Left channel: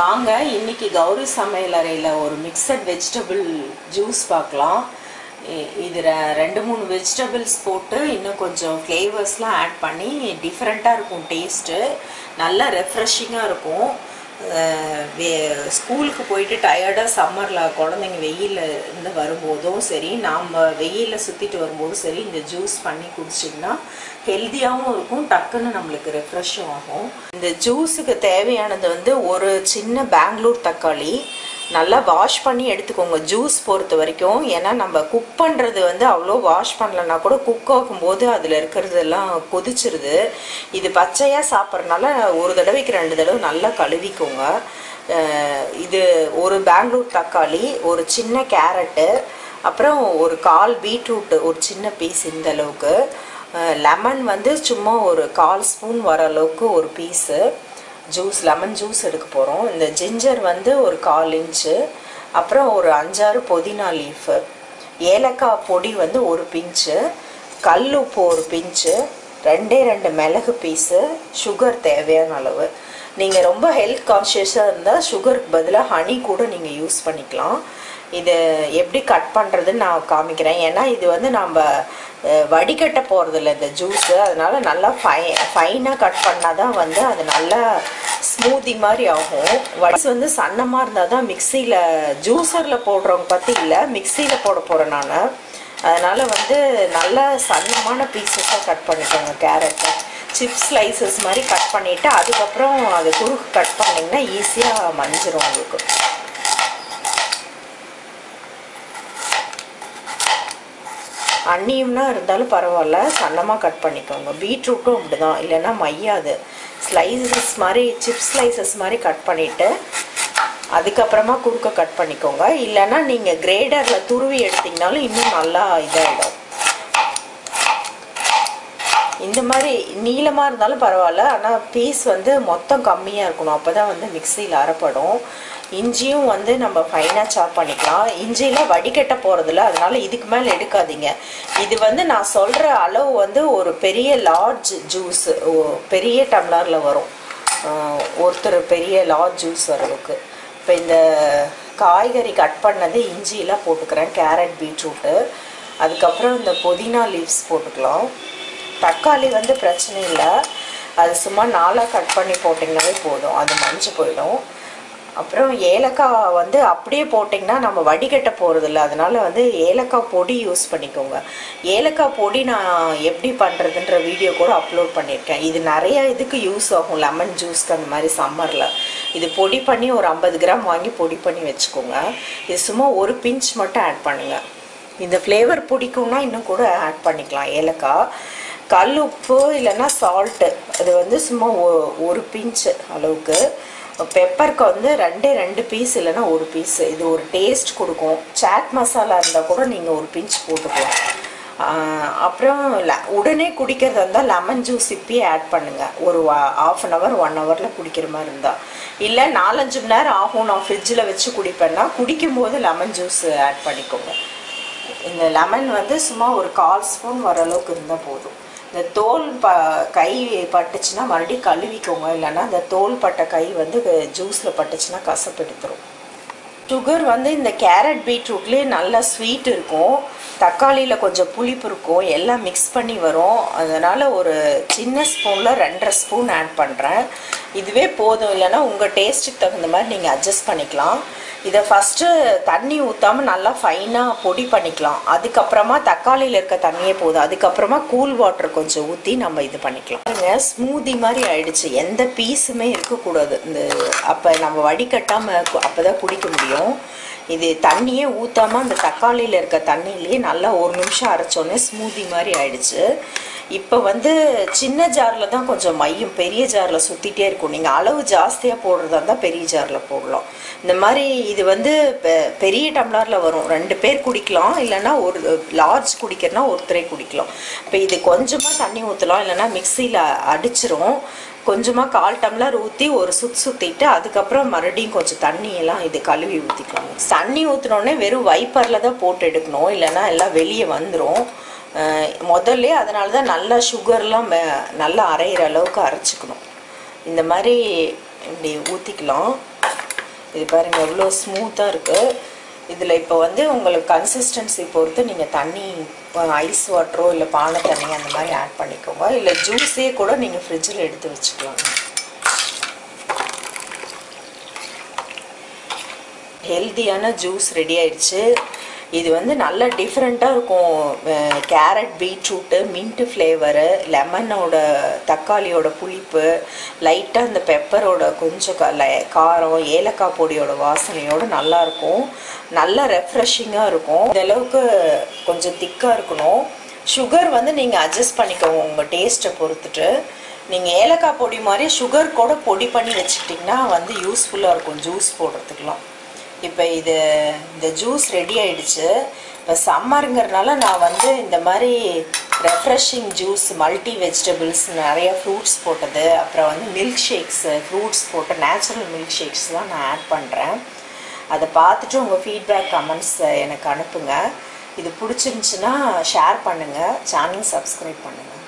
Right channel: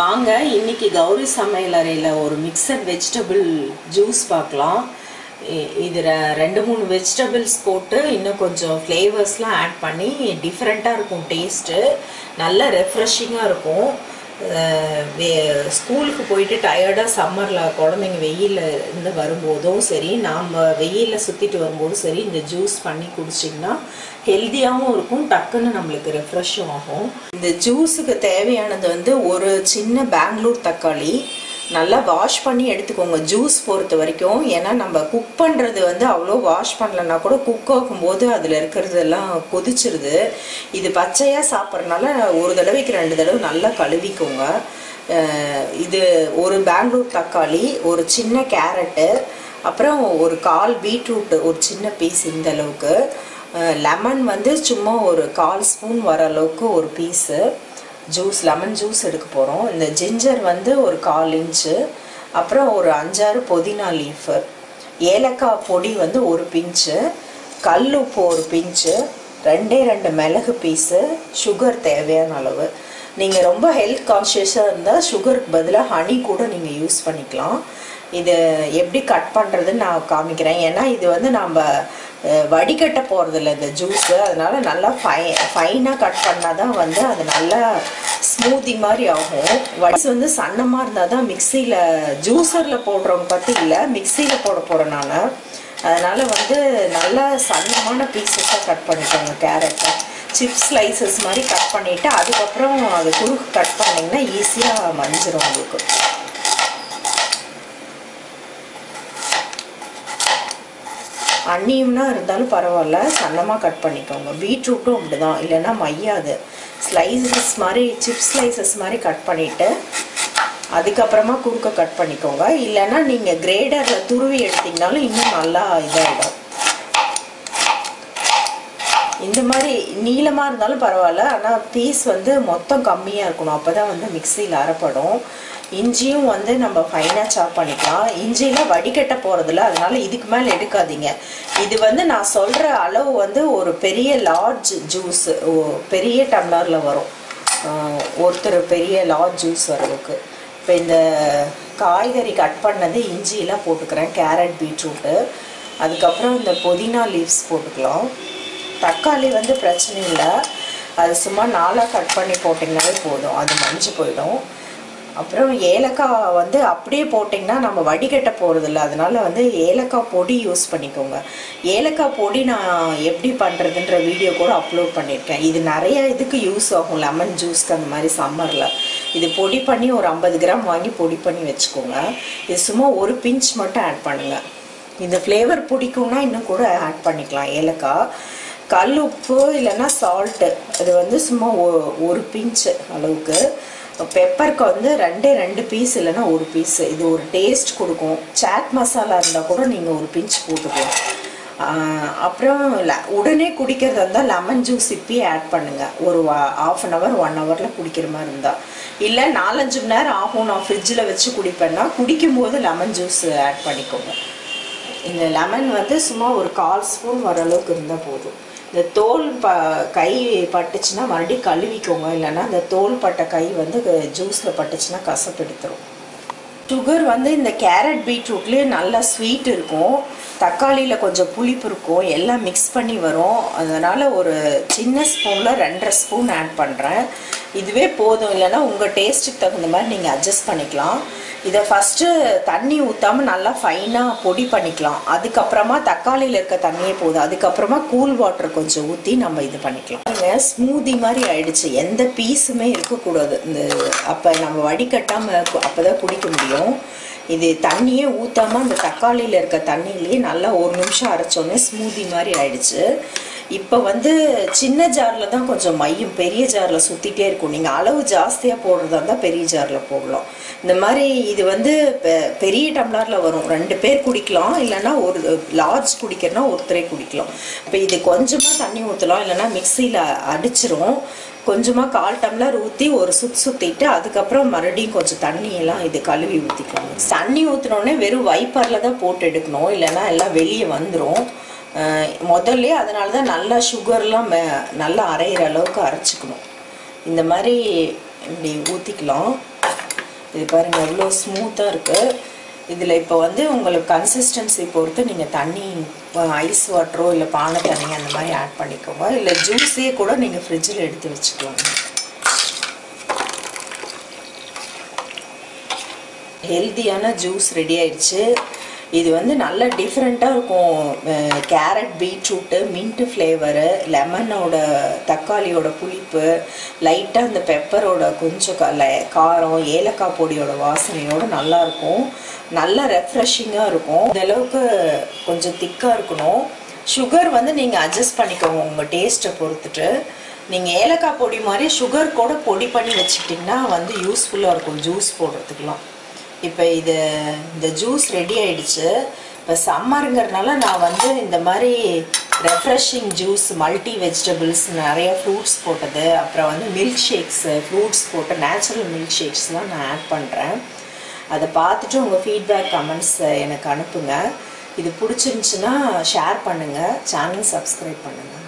வாங்க இன்னைக்கு கௌரி சமையலறையில் ஒரு மிக்சட் வெஜிடபிள் ஜூஸ் பார்க்கலாம். இது 2-3 வெஜிடபிள்ஸ் போட்டு இன்னும் கொஞ்சம் ஃப்ளேவர்ஸ்லாம் ஆட் பண்ணி டிஃப்ரெண்ட்டாக இருக்கும். டேஸ்ட்டு நல்லா ரெஃப்ரெஷிங்காக இருக்கும். ஸ்கூலுக்கு போயிட்டு டயர்டாக சம்மரில் குழந்தைங்க வெயிலில் இருந்து வரும்போதும் சரி, நாம் வெயிலில் சுற்றிட்டு வரும்போதும் சரி, இந்த ஜூஸ் பண்ணி குடிச்சிங்கன்னா ஹெல்த்தியாகவும் இருக்கும், டக்குன்னு நம்மளுக்கு ரெஃப்ரெஷ்ஷும் ஆகும். இந்த ஜூஸுக்கு தேவையானது வந்து ஒரு சின்ன பெங்களூர் தக்காளி நல்லா வாஷ் பண்ணி எடுத்துக்கோங்க ஜூஸ் பொறுத்த வரைக்கும். ஏன்னா நம்ம குக் பண்ணுறது வந்து அவ்வளோ வாஷ் பண்ணலன்னா கூட குக் ஆகும்போது அதில் இருக்கிறதெல்லாம் கொதிச்சிருது. இது பச்சையாக சாப்பிட்றதுனால ஒரு தடவைக்கு 2 தடவை நல்லா கழுவிக்கோங்க. இது ஒரு பெங்களூர் தக்காளி, ஒரு சின்ன கேரட்டு, அப்புறம் ஒரு 1/4 பீட்ரூட், ஒரு சின்ன பீஸ் இந்த அளவுக்கு, லெமன் வந்து சும்மா ஒரு 1/4 ஸ்பூன் வர அளவுக்கு ஒரு பீஸு ஜூஸ், லெமன் ஜூஸ் எடுக்க போகிறோம். இந்த ஜிஞ்சர் வந்து ஒரு 1/4 இன்ச்சு, அப்புறம் ஒரு 5-6 புதினா லீஃபு, ஏலக்காய் பொடி வந்து ஒரு பிஞ்சு, கல் உப்பு ஒரு பிஞ்சு, 2 மிளகு பீஸு, சுகர் தேவையான அளவு. நீங்கள் ரொம்ப ஹெல்த் கான்ஷியஸாக இருந்தால் சுகருக்கு பதிலாக ஹனி கூட நீங்கள் யூஸ் பண்ணிக்கலாம். இது எப்படி கட் பண்ணுறதுன்னு நான் காமிக்கிறேன். ஏன்னா இது வந்து நம்ம வடிகட்ட போகிறதில்ல இந்த ஜூஸு, அதனால நல்லா ஃபைனாக கட் பண்ணால் தான் வந்து அது நல்லா ஸ்மூத்தி மாதிரி ஆகும். வடிஸ் வந்து சன்னமாக இருந்தால் தான் மிக்சியில், ஜூஸரில் போடுறவங்க பற்றி இல்லை, மிக்சியில் போட போகிறேன் நான். அதனால் வந்து நல்லா சன்னமான பீசஸாக கட் பண்ணிக்கோங்க. கேரட்டை சிப்ஸ் ஸ்லைசஸ் மாதிரி கட் பண்ணிவிட்டு அதுக்கப்புறம் அது குறுக்கு கட் பண்ணிங்கன்னா ஈஸியாக மஞ்சிரும் உங்களுக்கு. அன்னியம்னா இருந்தாலும் பரவாயில்ல, சன்னமாக கட் பண்ணிக்கோங்க. பீட்ரூட்டும் அப்படி தான், இல்லைன்னா மையாது. ஸ்லைசஸ் மாதிரி, சிப்ஸ் ஸ்லைசஸ் மாதிரி கட் பண்ணிவிட்டு அதுக்கப்புறமா குறுக்க கட் பண்ணிக்கோங்க. இல்லைன்னா நீங்கள் கிரேடரில் துருவி எடுத்திங்கனாலும் இன்னும் நல்லா இதாகிடும். இந்த மாதிரி நீளமாக இருந்தாலும் பரவாயில்ல, ஆனால் பீஸ் வந்து மொத்தம் கம்மியாக இருக்கணும், அப்போ தான் வந்து மிக்சியில் அரைப்படும். இஞ்சியும் வந்து நம்ம ஃபைனாக சாப் பண்ணிக்கலாம். இஞ்சியில் வடிகட்ட போகிறதில்ல, அதனால இதுக்கு மேலே எடுக்காதீங்க. இது வந்து நான் சொல்கிற அளவு வந்து ஒரு பெரிய லார்ஜ் ஜூஸ், பெரிய டம்ளரில் வரும், ஒருத்தர் பெரிய லார்ஜ் ஜூஸ் வரவுக்கு. இப்போ இந்த காய்கறி கட் பண்ணது இஞ்சியெல்லாம் போட்டுக்கிறேன், கேரட், பீட்ரூட்டு, அதுக்கப்புறம் இந்த புதினா லீவ்ஸ் போட்டுக்கலாம். தக்காளி வந்து பிரச்சனை இல்லை, அது சும்மா 4ஆக கட் பண்ணி போட்டிங்கனாவே போதும், அது மஞ்சள் போயிடும். அப்புறம் ஏலக்காய் வந்து அப்படியே போட்டிங்கன்னா நம்ம வடிகட்ட போகிறதில்ல, அதனால் வந்து ஏலக்காய் பொடி யூஸ் பண்ணிக்கோங்க. ஏலக்காய் பொடி நான் எப்படி பண்ணுறதுன்ற வீடியோ கூட அப்லோட் பண்ணியிருக்கேன். இது நிறைய இதுக்கு யூஸ் ஆகும், லெமன் ஜூஸ்க்கு அந்த மாதிரி சம்மரில். இது பொடி பண்ணி ஒரு 50 கிராம் வாங்கி பொடி பண்ணி வச்சுக்கோங்க. இது சும்மா ஒரு பிஞ்ச் மட்டும் ஆட் பண்ணுங்கள். இந்த ஃப்ளேவர் பிடிக்கும்னா இன்னும் கூட ஆட் பண்ணிக்கலாம் ஏலக்காய். கல் உப்பு இல்லைன்னா சால்ட்டு, அது வந்து சும்மா ஒரு பிஞ்சு அளவுக்கு. பெப்பருக்கு வந்து 2 பீஸ் இல்லைன்னா ஒரு பீஸ், இது ஒரு டேஸ்ட் கொடுக்கும். சாட் மசாலா இருந்தால் கூட நீங்கள் ஒரு பிஞ்ச் போட்டுக்கலாம். அப்புறம் உடனே குடிக்கிறதா இருந்தால் லெமன் ஜூஸ் இப்பயே ஆட் பண்ணுங்கள். ஒரு ½ அன் ஹவர் 1 ஹவரில் குடிக்கிற மாதிரி இருந்தால். இல்லை 4-5 மணி நேரம் ஆகும், நான் ஃப்ரிட்ஜில் வச்சு குடிப்பேன்னா குடிக்கும் போது லெமன் ஜூஸ் ஆட் பண்ணிக்கோங்க. இந்த லெமன் வந்து சும்மா ஒரு 1/4 ஸ்பூன் வர அளவுக்கு இருந்தால் போதும். இந்த தோல் கை பட்டுச்சுன்னா மறுபடியும் கழுவிக்கோங்க, இல்லைன்னா இந்த தோல் பட்ட கை வந்து ஜூஸில் பட்டுச்சுன்னா கசப்பு எடுத்துரும். சுகர் வந்து இந்த கேரட் பீட்ரூட்லேயே நல்லா ஸ்வீட் இருக்கும், தக்காளியில் கொஞ்சம் புளிப்பு இருக்கும், எல்லாம் மிக்ஸ் பண்ணி வரும். அதனால் ஒரு சின்ன ஸ்பூனில் 2.5 ஸ்பூன் ஆட் பண்ணுறேன். இதுவே போதும், இல்லைன்னா உங்கள் டேஸ்ட்டுக்கு தகுந்த மாதிரி நீங்கள் அட்ஜஸ்ட் பண்ணிக்கலாம். இதை ஃபஸ்ட்டு தண்ணி ஊற்றாமல் நல்லா ஃபைனாக பொடி பண்ணிக்கலாம். அதுக்கப்புறமா தக்காளியில் இருக்க தண்ணியே போதும், அதுக்கப்புறமா கூல் வாட்டர் கொஞ்சம் ஊற்றி நம்ம இது பண்ணிக்கலாம். ஸ்மூதி மாதிரி ஆயிடுச்சு, எந்த பீஸுமே இருக்கக்கூடாது. இந்த அப்போ நம்ம வடிகட்டாமல் அப்போ தான் குடிக்க முடியும். இது தண்ணியே ஊற்றாமல் அந்த தக்காளியில் இருக்க தண்ணியிலேயே நல்லா 1 நிமிஷம் அரைச்சோன்னே ஸ்மூதி மாதிரி ஆயிடுச்சு. இப்போ வந்து சின்ன ஜாரில் தான் கொஞ்சம் மையம், பெரிய ஜாரில் சுற்றிட்டே இருக்கும். நீங்கள் அளவு ஜாஸ்தியாக போடுறதா இருந்தால் பெரிய ஜாரில் போடலாம். இந்த மாதிரி இது வந்து பெரிய டம்ளரில் வரும், 2 பேர் குடிக்கலாம், இல்லைன்னா ஒரு லார்ஜ் குடிக்கிறனா ஒருத்தரே குடிக்கலாம். இப்போ இது கொஞ்சமாக தண்ணி ஊற்றலாம், இல்லைன்னா மிக்சியில் அடிச்சிரும். கொஞ்சமாக 1/4 டம்ளர் ஊற்றி ஒரு சுற்றிட்டு அதுக்கப்புறம் மறுபடியும் கொஞ்சம் தண்ணியெல்லாம் இது கழுவி ஊற்றிக்கலாம். தண்ணி ஊற்றினோடனே வெறும் வைப்பரில் தான் போட்டு எடுக்கணும், இல்லைன்னா எல்லாம் வெளியே வந்துடும் முதல்ல. அதனால தான் நல்லா சுகர்லாம் நல்லா அரைகிற அளவுக்கு அரைச்சிக்கணும். இந்த மாதிரி இப்படி ஊற்றிக்கலாம். இது பாருங்கள் எவ்வளோ ஸ்மூத்தாக இருக்குது. இதில் இப்போ வந்து உங்களுக்கு கன்சிஸ்டன்சி பொறுத்து நீங்கள் தண்ணி ஐஸ் வாட்டரோ இல்லை பானை தண்ணி அந்த மாதிரி ஆட் பண்ணிக்கோங்க. இல்லை ஜூஸே கூட நீங்கள் ஃப்ரிட்ஜில் எடுத்து வச்சுக்கலாங்க. ஹெல்த்தியான ஜூஸ் ரெடி ஆயிடுச்சு. இது வந்து நல்ல டிஃப்ரெண்ட்டாக இருக்கும். கேரட், பீட்ரூட்டு, மின்ட்டு ஃப்ளேவரு, லெமனோட தக்காளியோட புளிப்பு, லைட்டாக அந்த பெப்பரோட கொஞ்சம் காரம், ஏலக்காய் பொடியோட வாசனையோடு நல்லாயிருக்கும். நல்லா ரெஃப்ரெஷிங்காக இருக்கும். இந்த அளவுக்கு கொஞ்சம் திக்காக இருக்கணும். சுகர் வந்து நீங்கள் அட்ஜஸ்ட் பண்ணிக்கோங்க உங்கள் டேஸ்ட்டை பொறுத்துட்டு. நீங்கள் ஏலக்காய் பொடி மாதிரி சுகர் கூட பொடி பண்ணி வச்சுக்கிட்டிங்கன்னா வந்து யூஸ்ஃபுல்லாக இருக்கும் ஜூஸ் போடுறதுக்கெலாம். இப்போ இந்த ஜூஸ் ரெடி ஆயிடுச்சு. இப்போ சம்மருங்கிறதுனால நான் வந்து இந்த மாதிரி ரெஃப்ரெஷிங் ஜூஸ், மல்டி வெஜிடபிள்ஸ், நிறைய ஃப்ரூட்ஸ் போட்டது, அப்புறம் வந்து மில்க் ஷேக்ஸு, ஃப்ரூட்ஸ் போட்ட நேச்சுரல் மில்க் ஷேக்ஸ் தான் நான் ஆட் பண்ணுறேன். அதை பார்த்துட்டு உங்கள் ஃபீட்பேக் கமெண்ட்ஸ் எனக்கு அனுப்புங்க. இது பிடிச்சிருந்துச்சுன்னா ஷேர் பண்ணுங்கள், சேனல் சப்ஸ்கிரைப் பண்ணுங்கள்.